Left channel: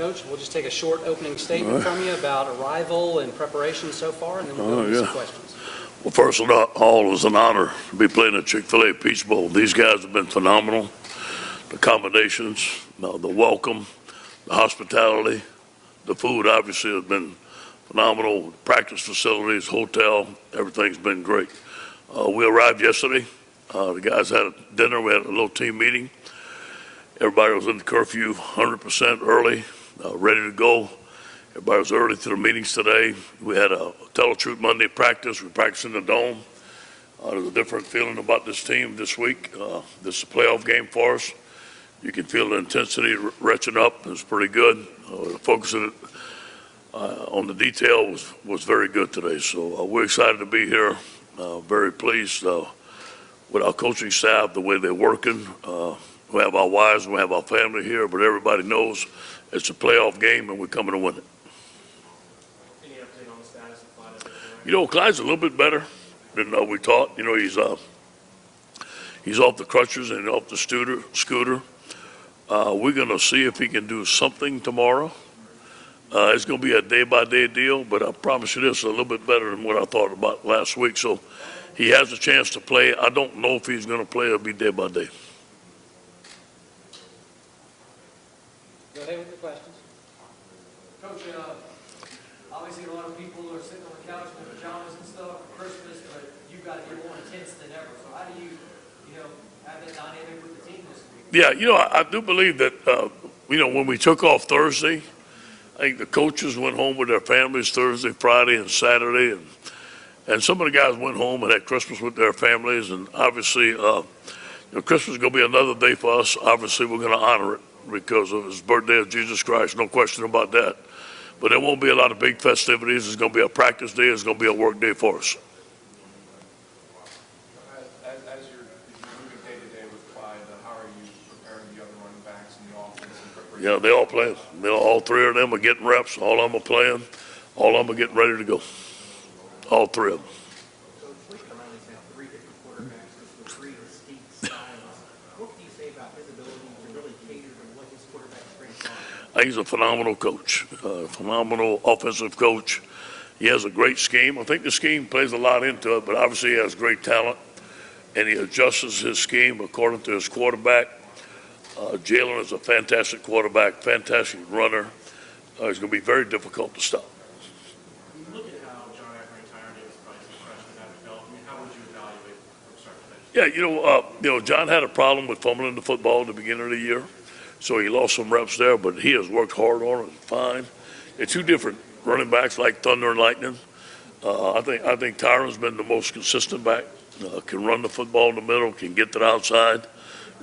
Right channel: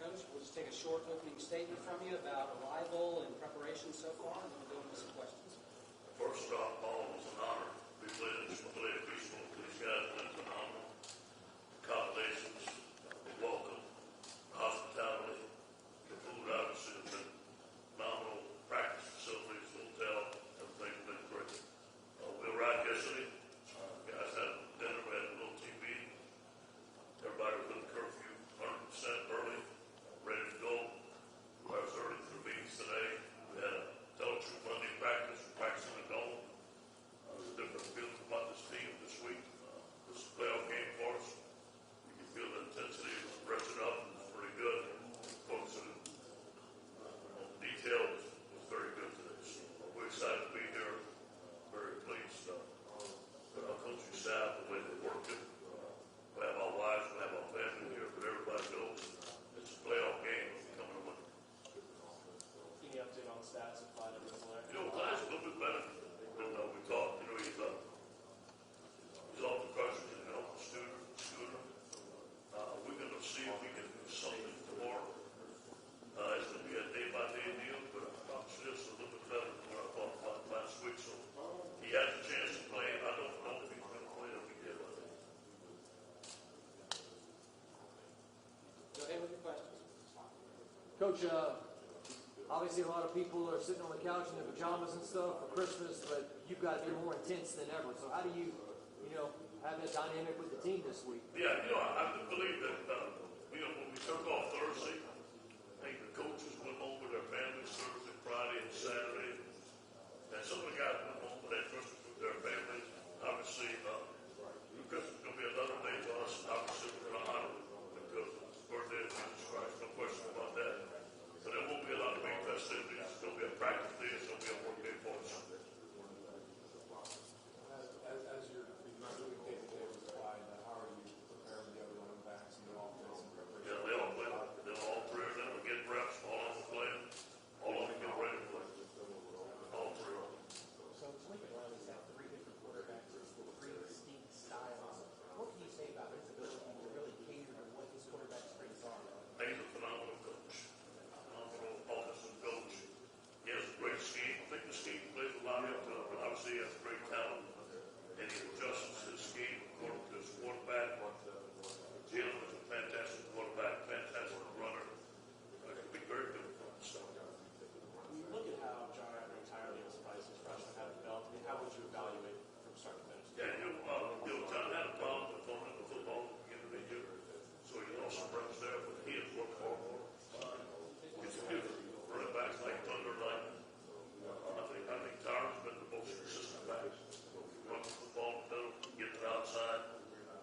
Coach, we'll just take a short opening statement from you about arrival and preparation so far, and then we'll go into some questions. Well, first of all, it was an honor to be playing at Chick-fil-A Peach Bowl. These guys have been phenomenal. The accommodations, the welcome, the hospitality, the food obviously has been phenomenal. Practice facilities, hotel, everything's been great. We arrived yesterday. The guys had a dinner. We had a little team meeting. Everybody was in the curfew 100% early, ready to go. Everybody was early to the meetings today. We had a Tell the Truth Monday practice. We practiced in the Dome. There's a different feeling about this team this week. This is a playoff game for us. You can feel the intensity retching up. It's pretty good. The focus of it, on the detail was very good today. So we're excited to be here. Very pleased with our coaching staff, the way they're working. We have our wives, we have our family here, but everybody knows it's a playoff game and we're coming to win it. Any update on the status of Clyde? You know, Clyde's a little bit better than we thought. You know, he's off the crutches and off the scooter. We're going to see if he can do something tomorrow. It's going to be a day-by-day deal, but I promise you this, a little bit better than what I thought about last week. So he has a chance to play. I don't know if he's going to play. It'll be day by day. Go ahead with the questions. Coach, obviously a lot of people are sitting on the couch in their pajamas and stuff for Christmas, but you guys are more intense than ever. So how do you have that dynamic with the team this week? Yeah, I do believe that, when we took off Thursday, I think the coaches went home with their families Thursday, Friday, and Saturday, and some of the guys went home and had Christmas with their families. And obviously, Christmas is going to be another day for us. Obviously, we're going to honor it because of his birthday of Jesus Christ, no question about that. But there won't be a lot of big festivities. It's going to be a practice day. It's going to be a work day for us. As you're moving day to day with Clyde, how are you preparing the other running backs in the offense? Yeah, they all playing. All three of them are getting reps. All of them are playing. All of them are getting ready to go. All three of them. Coach, Blake Riley's had 3 different quarterbacks with 3 distinct styles. What can you say about his ability to really cater to what his quarterback strengths are? I think he's a phenomenal coach, phenomenal offensive coach. He has a great scheme. I think the scheme plays a lot into it, but obviously he has great talent, and he adjusts his scheme according to his quarterback. Jalen is a fantastic quarterback, fantastic runner. It's going to be very difficult to stop. When you look at how John Everett and Tyron Davis Price, the freshman, have developed, how would you evaluate from start to finish? Yeah, John had a problem with fumbling the football at the beginning of the year, so he lost some reps there, but he has worked hard on it, fine. They're two different running backs like thunder and lightning. I think Tyron's been the most consistent back, can run the football in the middle, can get to the outside.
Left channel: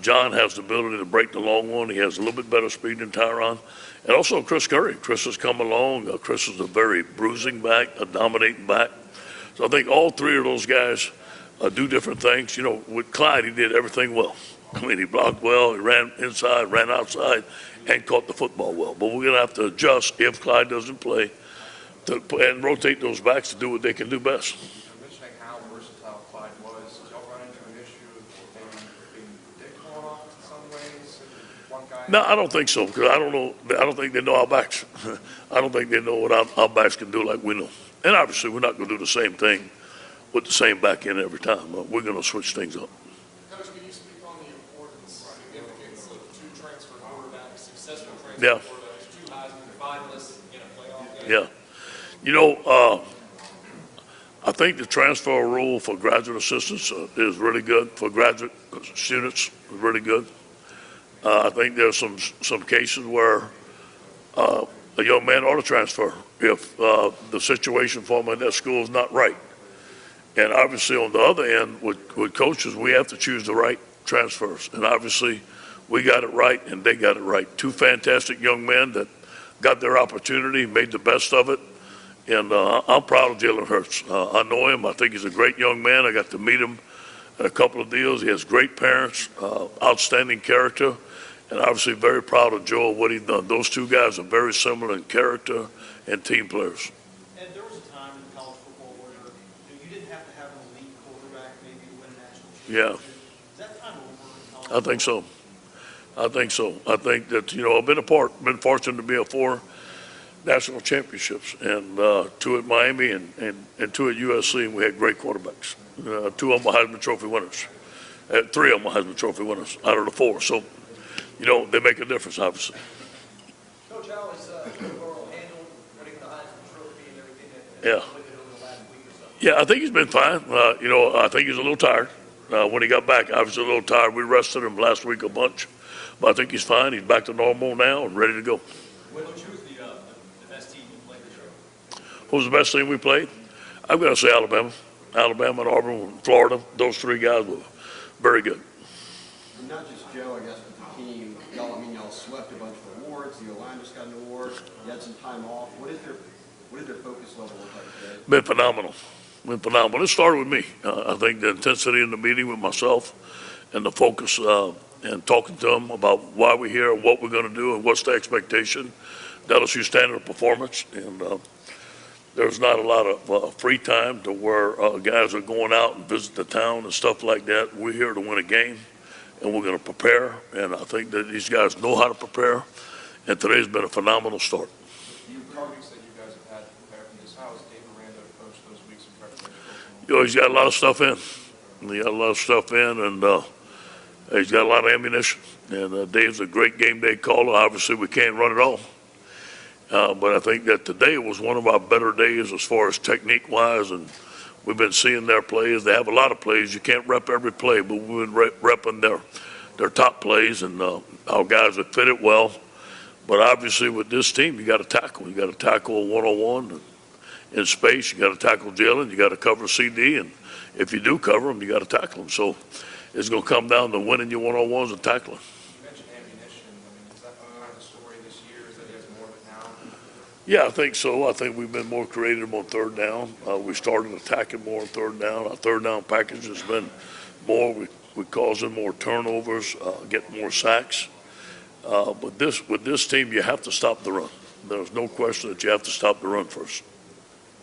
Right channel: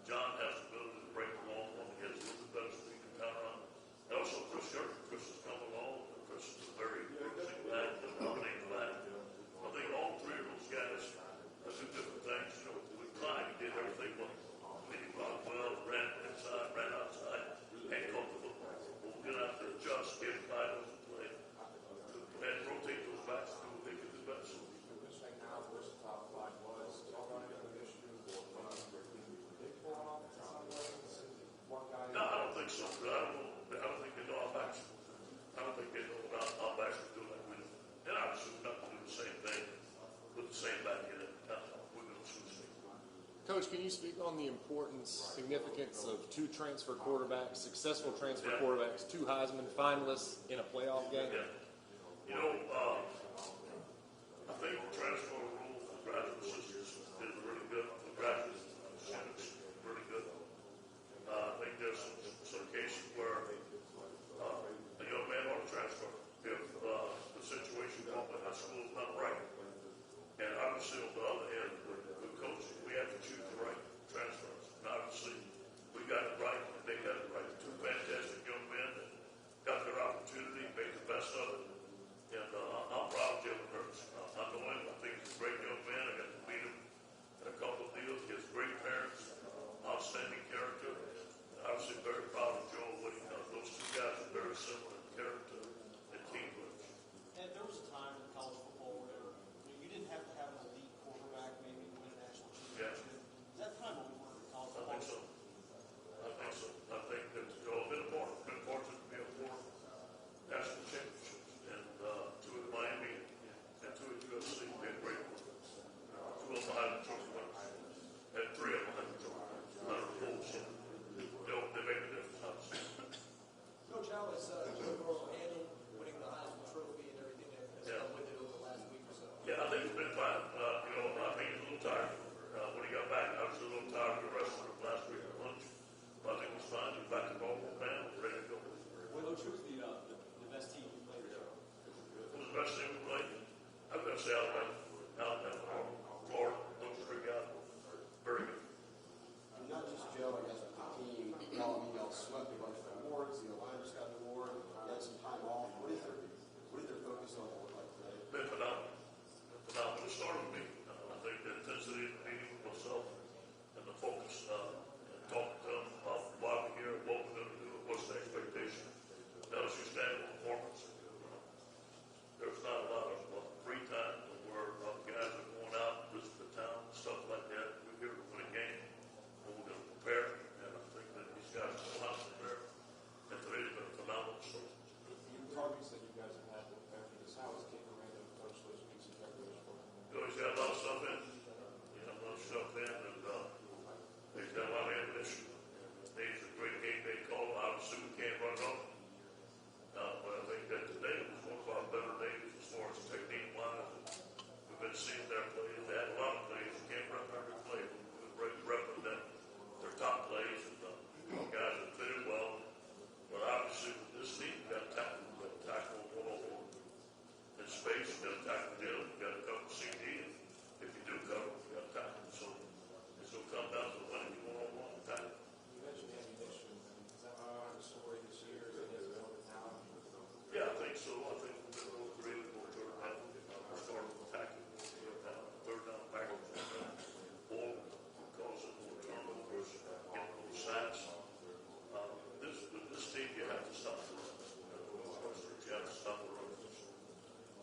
John has the ability to break the long one. He has a little bit better speed than Tyron. And also Chris Curry. Chris has come along. Chris is a very bruising back, a dominating back. So I think all three of those guys do different things. With Clyde, he did everything well. He blocked well, he ran inside, ran outside, and caught the football well. But we're going to have to adjust if Clyde doesn't play and rotate those backs to do what they can do best. Mentioning how versatile Clyde was, did y'all run into an issue of maybe being predictable in some ways? One guy. No, I don't think so, because I don't think they know our backs. I don't think they know what our backs can do like we know. And obviously, we're not going to do the same thing with the same back end every time. We're going to switch things up. Coach, can you speak on the significance of 2 transfer quarterbacks, successful transfer Yeah. quarterbacks, 2 Heisman finalists in a playoff game? Yeah. I think the transfer rule for graduate assistants is really good. For graduate students, is really good. I think there's some cases where a young man ought to transfer if the situation for him in that school is not right. And obviously on the other end, with coaches, we have to choose the right transfers. And obviously we got it right and they got it right. 2 fantastic young men that got their opportunity, made the best of it. And I'm proud of Jalen Hurts. I know him. I think he's a great young man. I got to meet him at a couple of deals. He has great parents, outstanding character, and obviously very proud of Joe, what he's done. Those 2 guys are very similar in character and team players. And there was a time in college football where you didn't have to have an elite quarterback maybe to win a national championship. Yeah. Is that time over in college I think so. I think so. I think that, I've been fortunate to be a 4 national championships, and 2 at Miami and 2 at USC, and we had great quarterbacks. 2 of them were Heisman Trophy winners. 3 of them were Heisman Trophy winners out of the 4. So, they make a difference, obviously. Coach, how is Burrow handled winning the Heisman Trophy and everything that Yeah. with it over the last week or so? Yeah, I think he's been fine. I think he's a little tired. When he got back, I was a little tired. We rested him last week a bunch, but I think he's fine. He's back to normal now and ready to go. What was the best team you played this year? Who's the best team we played? I'm going to say Alabama. Alabama and Auburn and Florida. Those 3 guys were very good. And not just Joe, I guess, but the team. Y'all swept a bunch of awards. The O-line just got an award. You had some time off. What did their focus level look like today? Been phenomenal. It started with me. I think the intensity in the meeting with myself and the focus and talking to them about why we're here, what we're going to do, and what's the expectation. LSU standard of performance. And there's not a lot of free time to where guys are going out and visit the town and stuff like that. We're here to win a game, and we're going to prepare. And I think that these guys know how to prepare. And today's been a phenomenal start. The targets that you guys have had to prepare for this, how has Dave Aranda approached those weeks of preparation? He's got a lot of stuff in. And he's got a lot of ammunition. And Dave's a great game day caller. Obviously, we can't run it all. But I think that today was one of our better days as far as technique-wise, and we've been seeing their plays. They have a lot of plays. You can't rep every play, but we've been repping their top plays, and our guys have fit it well. But obviously, with this team, you got to tackle. You got to tackle one-on-one in space. You got to tackle Jalen. You got to cover CD, and if you do cover them, you got to tackle them. So it's going to come down to winning your one-on-ones and tackling. You mentioned ammunition. Is that the story this year? Is that he has more of it now? Yeah, I think so. I think we've been more creative on 3rd down. We started attacking more on 3rd down. Our 3rd down package has been more. We're causing more turnovers, getting more sacks. But with this team, you have to stop the run. There's no question that you have to stop the run first.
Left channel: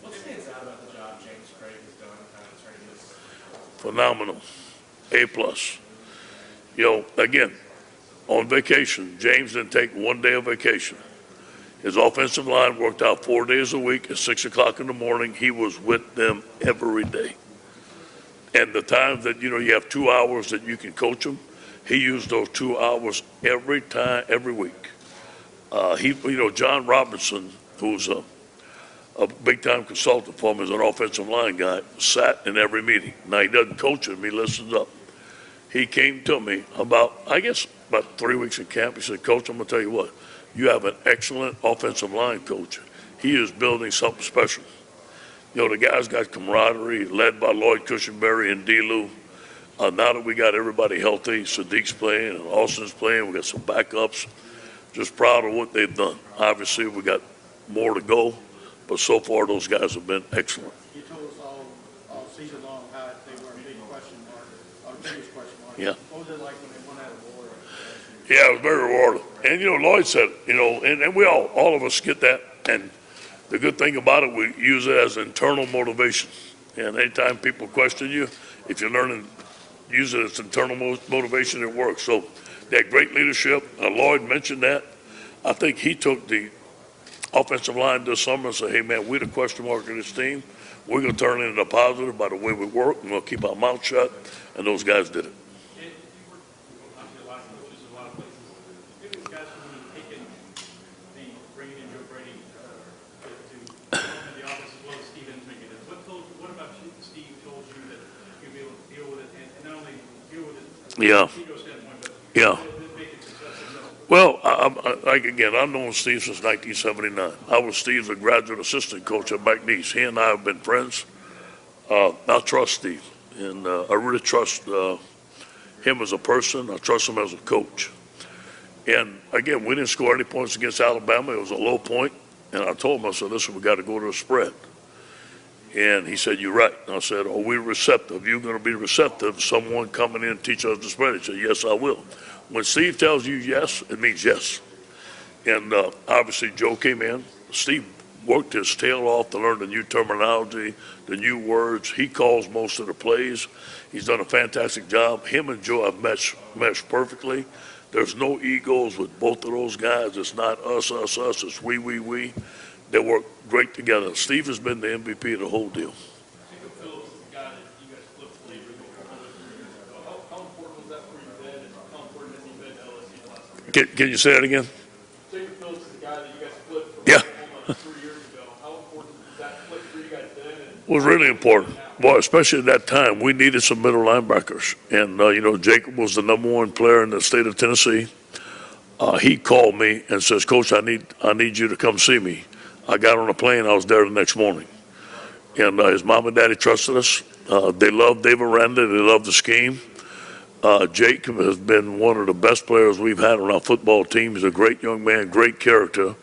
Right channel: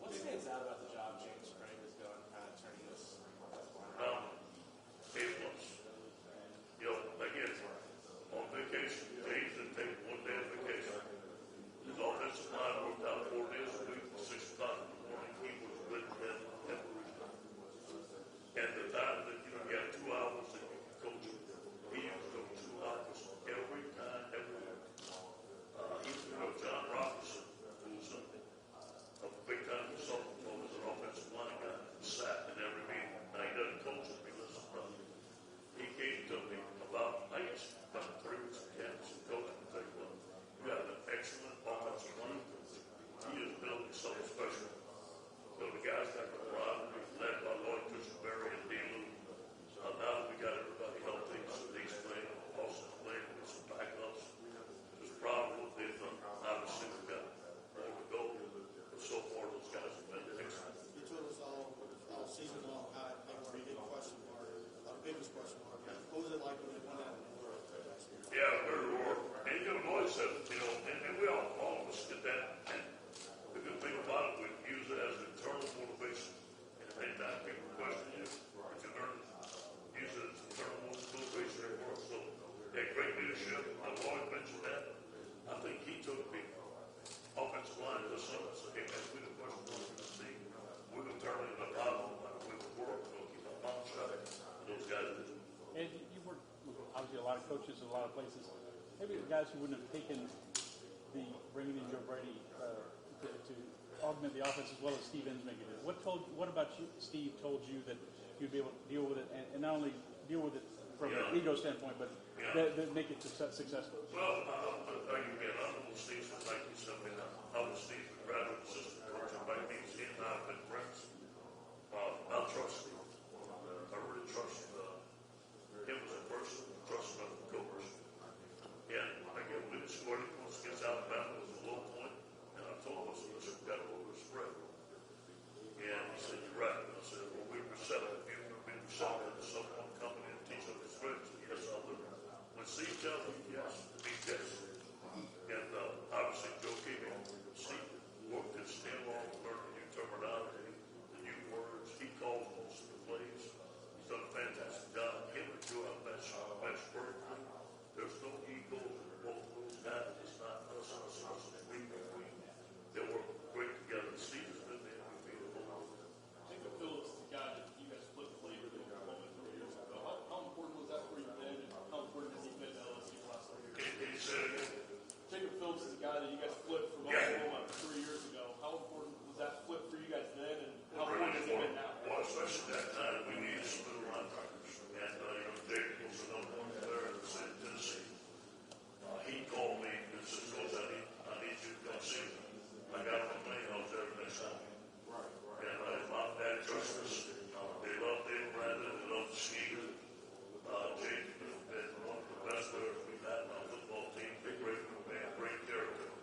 What stands out about the job James Craig has done kind of turning this? Phenomenal. A+. Again, on vacation, James didn't take 1 day of vacation. His offensive line worked out 4 days a week at 6 o'clock in the morning. He was with them every day. And the times that, you have 2 hours that you can coach them, he used those 2 hours every time, every week. John Robinson, who's a big-time consultant for him as an offensive line guy, sat in every meeting. Now, he doesn't coach him. He listens up. He came to me about 3 weeks in camp. He said, Coach, I'm going to tell you what. You have an excellent offensive line coach. He is building something special. The guy's got camaraderie, led by Lloyd Cushenberry and D-Lou. Now that we got everybody healthy, Sadiq's playing and Austin's playing, we got some backups. Just proud of what they've done. Obviously, we got more to go, but so far those guys have been excellent. You told us all season long how they were a big question mark, or the biggest question mark. Yeah. What was it like when they won that award? Yeah, it was very rewarding. And, Lloyd said, and we all of us get that. And the good thing about it, we use it as internal motivation. And anytime people question you, if you're learning, use it as internal motivation, it works. So they had great leadership. Lloyd mentioned that. I think he took the offensive line this summer and said, hey, man, we're the question mark of this team. We're going to turn it into a positive by the way we work. We're going to keep our mouth shut. And those guys did it. Obviously, a lot of coaches, a lot of places. Maybe the guys from taking the bringing in Joe Brady to the office as well as Steve making it. What about you, Steve told you that you'd be able to deal with it and not only deal with it from Yeah. an ego standpoint, but Yeah. make it successful? Well, I've known Steve since 1979. I was Steve's a graduate assistant coach at McNeese. He and I have been friends. I trust Steve, and I really trust him as a person. I trust him as a coach. And again, we didn't score any points against Alabama. It was a low point, and I told him, I said, listen, we got to go to a spread. And he said, you're right. And I said, are we receptive? You're going to be receptive, someone coming in and teach us the spread? He said, yes, I will. When Steve tells you yes, it means yes. And obviously Joe came in. Steve worked his tail off to learn the new terminology, the new words. He calls most of the plays. He's done a fantastic job. Him and Joe have meshed perfectly. There's no egos with both of those guys. It's not us, us, us. It's we. They work great together. Steve has been the MVP of the whole deal. Jacob Phillips is the guy that you guys flipped for you how important was that for you then, and how important has he been to LSU the last 3 years? Can you say that again? Jacob Phillips is the guy that you guys flipped for Yeah. Oklahoma 3 years ago. How important was that flip for you guys then? And Was really important. Boy, especially at that time, we needed some middle linebackers. And, Jacob was the number one player in the state of Tennessee. He called me and says, Coach, I need you to come see me. I got on a plane. I was there the next morning. And his mom and daddy trusted us. They love Dave Aranda. They love the scheme. Jacob has been one of the best players we've had on our football team. He's a great young man, great character.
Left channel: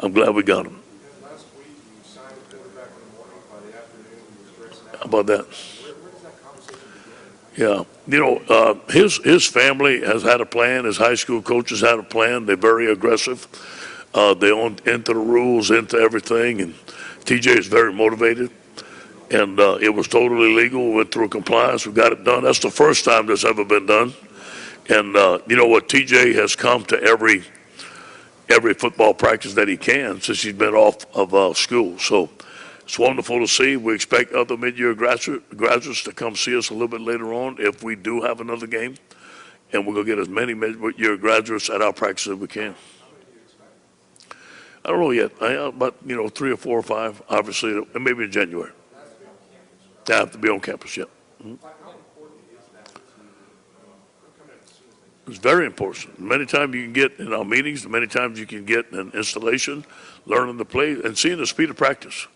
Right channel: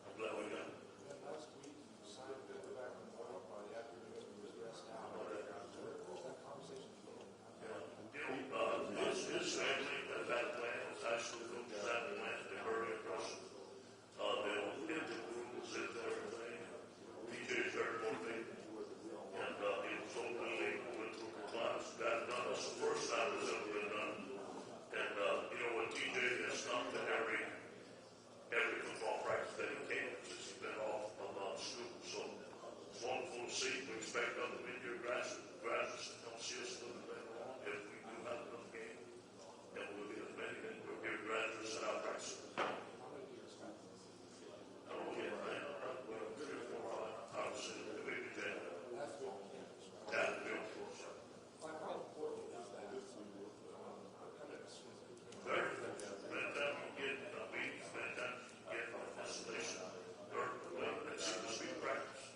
I'm glad we got him. Last week, you signed a quarterback in the morning, by the afternoon, you was dressing out. How about that? Where does that conversation begin? Yeah, his family has had a plan. His high school coaches had a plan. They're very aggressive. They own into the rules, into everything, and TJ is very motivated. And it was totally legal. We went through compliance. We got it done. That's the first time that's ever been done. And you know what? TJ has come to every football practice that he can since he's been off of school. So it's wonderful to see. We expect other mid-year graduates to come see us a little bit later on if we do have another game. And we're going to get as many mid-year graduates at our practice as we can. I don't know yet, but 3 or 4 or 5, obviously, and maybe in January. They have to be on campus, yeah. It's very important. Many times you can get in our meetings, many times you can get an installation, learning the play, and seeing the speed of practice.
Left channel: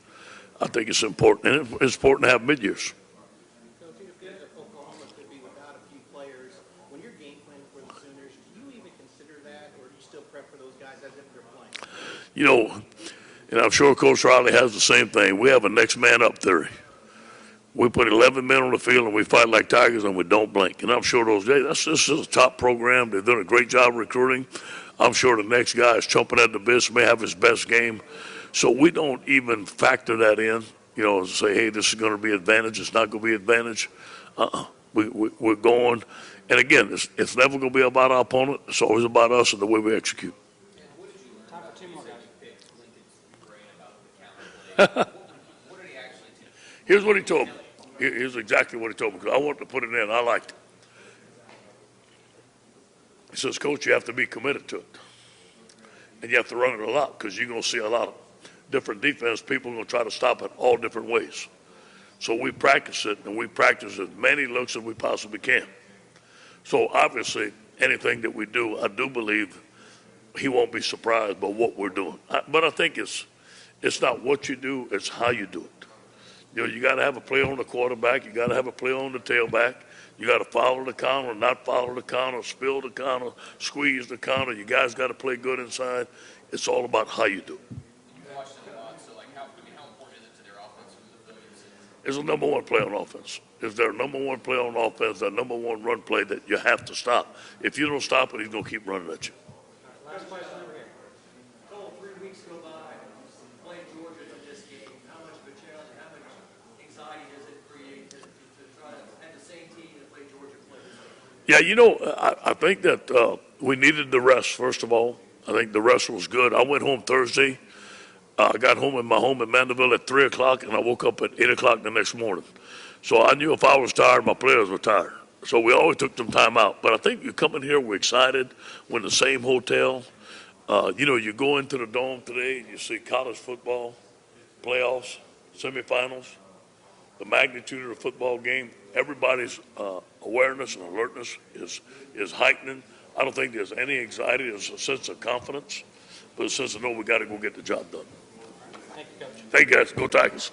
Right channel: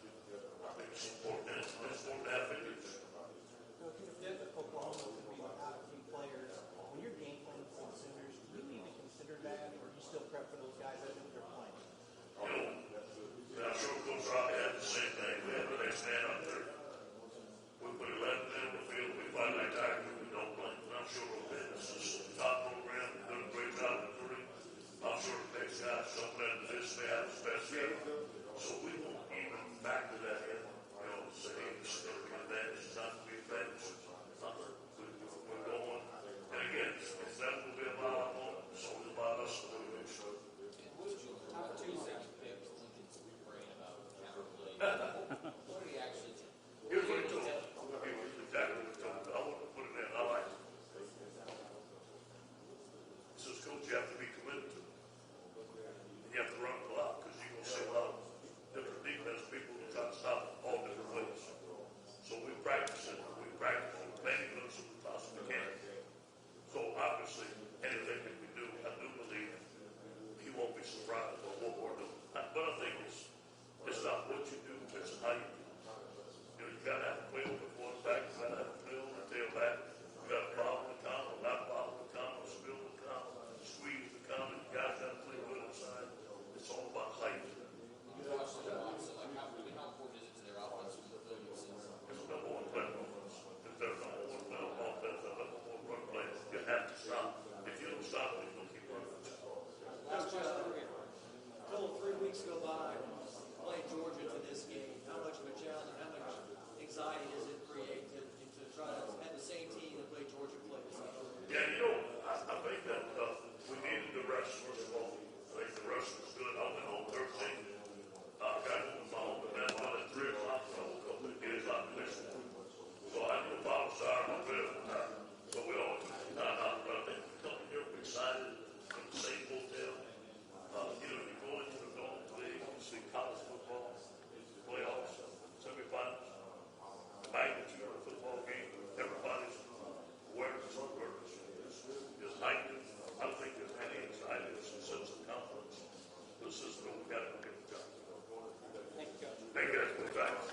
I think it's important, and it's important to have mid-years. Coach, if Oklahoma could be without a few players, when you're game planning for the Sooners, do you even consider that, or do you still prep for those guys as if they're playing? And I'm sure Coach Riley has the same thing. We have a next man up theory. We put 11 men on the field and we fight like tigers and we don't blink. And I'm sure this is a top program. They've done a great job recruiting. I'm sure the next guy is chomping at the bit, may have his best game. So we don't even factor that in, say, hey, this is going to be advantage. It's not going to be advantage. We're going. And again, it's never going to be about our opponent. It's always about us and the way we execute. Time for 2 more guys. Here's what he told me. Here's exactly what he told me, because I wanted to put it in. I liked it. He says, Coach, you have to be committed to it. And you have to run it a lot, because you're going to see a lot of different defense. People are going to try to stop it all different ways. So we practice it, and we practice as many looks as we possibly can. So obviously, anything that we do, I do believe he won't be surprised by what we're doing. But I think it's not what you do, it's how you do it. You got to have a play on the quarterback. You got to have a play on the tailback. You got to follow the counter, not follow the counter, spill the counter, squeeze the counter. You guys got to play good inside. It's all about how you do it. It's the number one play on offense. Is their number one play on offense, their number one run play that you have to stop. If you don't stop it, he's going to keep running at you. Last question over here. Total 3 weeks go by, playing Georgia to this game. How much of a challenge, how much anxiety does it create to try to have the same team that played Georgia play this game? Yeah, I think that we needed the rest, first of all. I think the rest was good. I went home Thursday. I got home in my home in Mandeville at 3 o'clock, and I woke up at 8 o'clock the next morning. So I knew if I was tired, my players were tired. So we always took some time out. But I think you come in here, we're excited. We're in the same hotel. You go into the Dome today, and you see college football, playoffs, semifinals, the magnitude of the football game. Everybody's awareness and alertness is heightening. I don't think there's any anxiety. There's a sense of confidence, but a sense of, no, we got to go get the job done. Thank you, Coach. Thank you, guys. Go Tigers.